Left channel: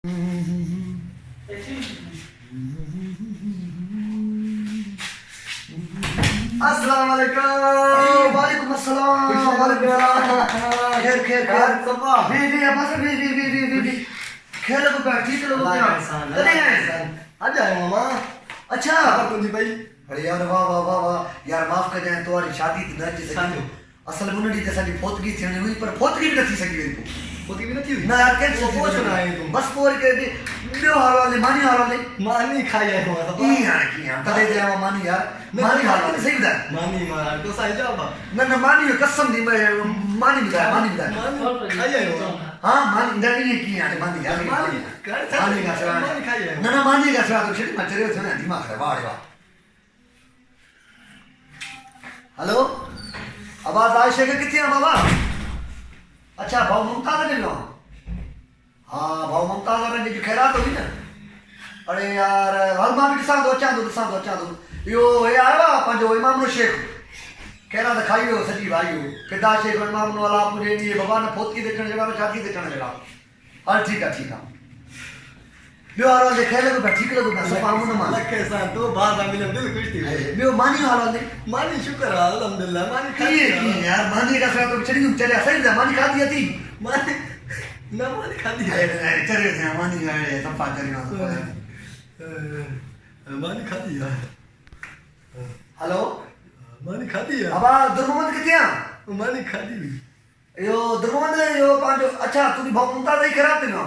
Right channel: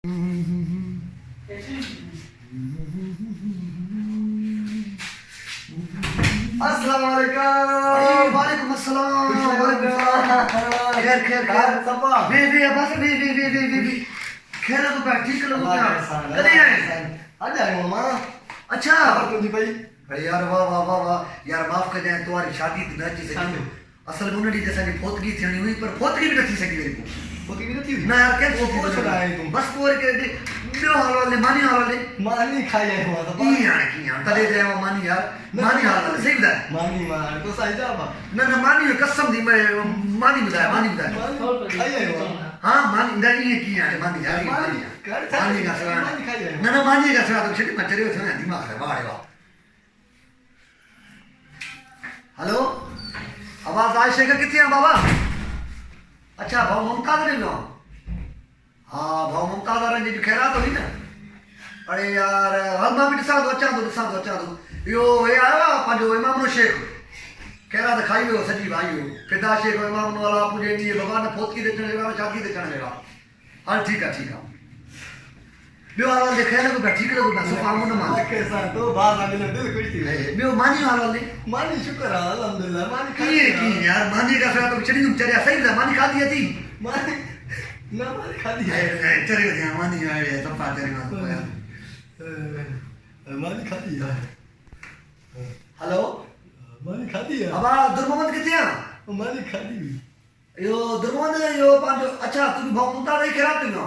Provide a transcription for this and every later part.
अस्सलाम वालेकुम। वालेकुम अस्सलाम। खैर खैर खैर सबा बी बस बी खैर लोग बैठ ठीक लोग क्या कदे आए आज आए मामा। अच्छा खबर तुझी भाई। अरे यार वाह वाह वाह वाह यार माफ कर जाए तुम्हारी शादी न थी सकी असल मुन्नड़ी जैसा दी फोतगी थियणी हुई पर फोतगी भी न थी सकी मेरी को होती भी नहीं हुई ना यार कैसे वो कुछ ना है तुम बस पोर के बियो हाल वाले मानी हाल वाले मानी खाई आए हुआ था की यार तदे जाए मानी यार मानी हाल वाले सही बता मानी मार तो सही जाबा ना मानी कसम दी मानी बता मानी खाई आए हुआ हाँ मानी नहीं की यार मानी यार मानी कर मानी का सवाल मानी खाई आए ना मानी का सवाल तो छिट मचरे थे ना दिमाग है वाह वाह हेलो आवाज आए शेखर कितने हैं बाबा अच्छा भाव मुमताज ने गाँव हाँ भाव मुमताज वाला जी खैरात हुई ना अरे यार हल मां भी ॾिसां थो अचां थो इहो हे आयो आहे पंहिंजो इमाम शेख खैरात खाई वियो सॼी भाई फिदा शेख इमाम वाला मुंहिंजे ॾींहुं भॻवान फोतकी ते अचण जहिड़ा शादी ते अचण जहिड़ा हल ठीकु आहे ॿियो हाल वाले ख़ैर लॻो पिया ठीकु लॻो पिया सुफ़ा मुन मां लखे सां तो बाज़ आमिल दिल खुश थी ॿियो मानी हाल वाले मानी शुक्र है अल्हम्दुलिल्लाह मानी खाई की यार मानी का सवाल तो छड़ी चरिया सही था मानी खाधी थी मानी ना मानी खादी है चरियो थिया मानी आहे सफ़ा चरियो मानी खादी है हेलो मानी खादी है बाबा दुर्मोहम्मद किथे आ मानी खादी हुई यो दुर्मोहम्मद यो पंहिंजो अच्छा तुंहिंजी भाउ मुमताज़ जी ख़ैरात ते वियो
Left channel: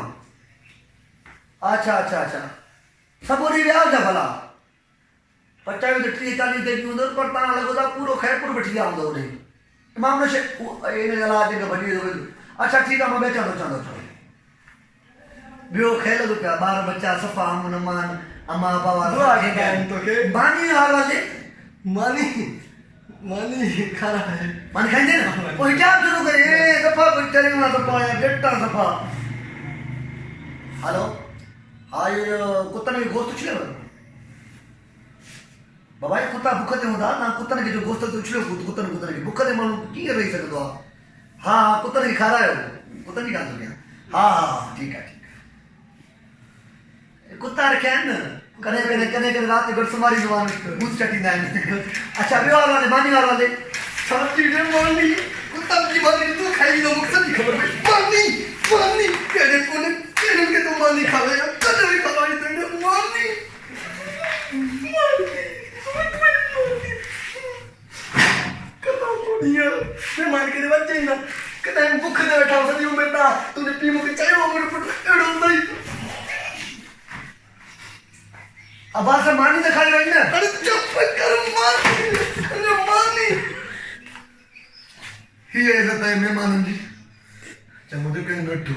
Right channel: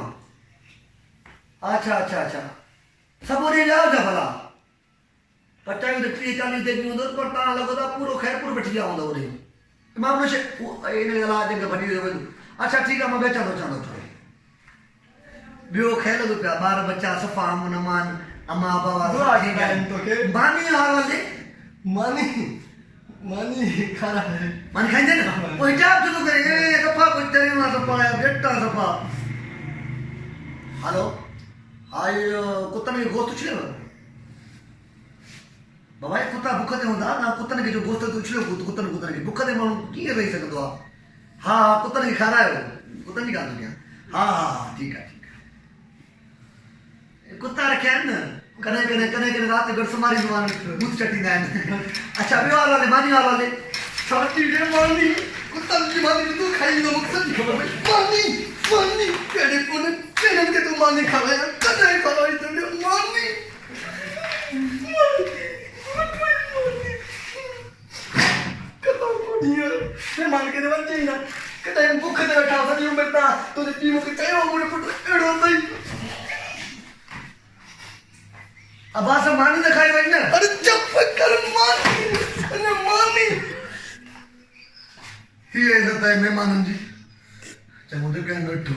अच्छा अच्छा अच्छा सभु ॾींहुं विया हुजा भला पचायो त 30-40 ते हूंदो पर तव्हां लॻो था पूरो ख़ैरपुर वठी विया हूंदव उन इमाम न इन अलावा जेका भॼी अच्छा ठीकु आहे मां बि अचां थो ॿियो ख़ैर लॻो पिया ॿार बच्चा सफ़ा अमन अमान अम्मा बाबा दुआ कंदा आहिनि तोखे मानी हाल वाले मानी मानी खाना है मानी खाईंदे न पोइ हिजाब छो थो करे सफ़ा कुझु चरे मां सफ़ा या बेटा सफ़ा हेलो हाँ ये कुत्तन के गोश्त उछले बाबा ये कुत्ता भूख ते हूंदा ना कुत्तन के जो गोश्त उछले कुत्तन के भूख ते माण्हू कीअं रही सघंदो आहे हा हा कुत्तन खे खारायो कुत्तन जी ॻाल्हि थो कयां हा हा ठीकु आहे कुत्ता रखिया आहिनि न कॾहिं राति जो गॾु सुम्हारींदो आहे बूथ चटींदा आहिनि अच्छा ॿियो हाल वाले मानी हाल वाले साथी रे मानी कुत्ता जी मानी तू खाई दो मुझे सच्ची खबर है मानी मानी केड़े कोने केड़े के तू मानी खावे कदे खावे तेरे मानी कदा कोडिया मैं मान के बच्चे ही ना कदे भूख दे बैठा सदी उम्र ता तूने पी मुके चाहे वो मेरे पुट एड़ो नहीं अब से मानी न खाई रही ना अरे चुप कर मानी अरे मानी ही ऐसा है मेहमानन जी चंगो तो कहीं नट्टू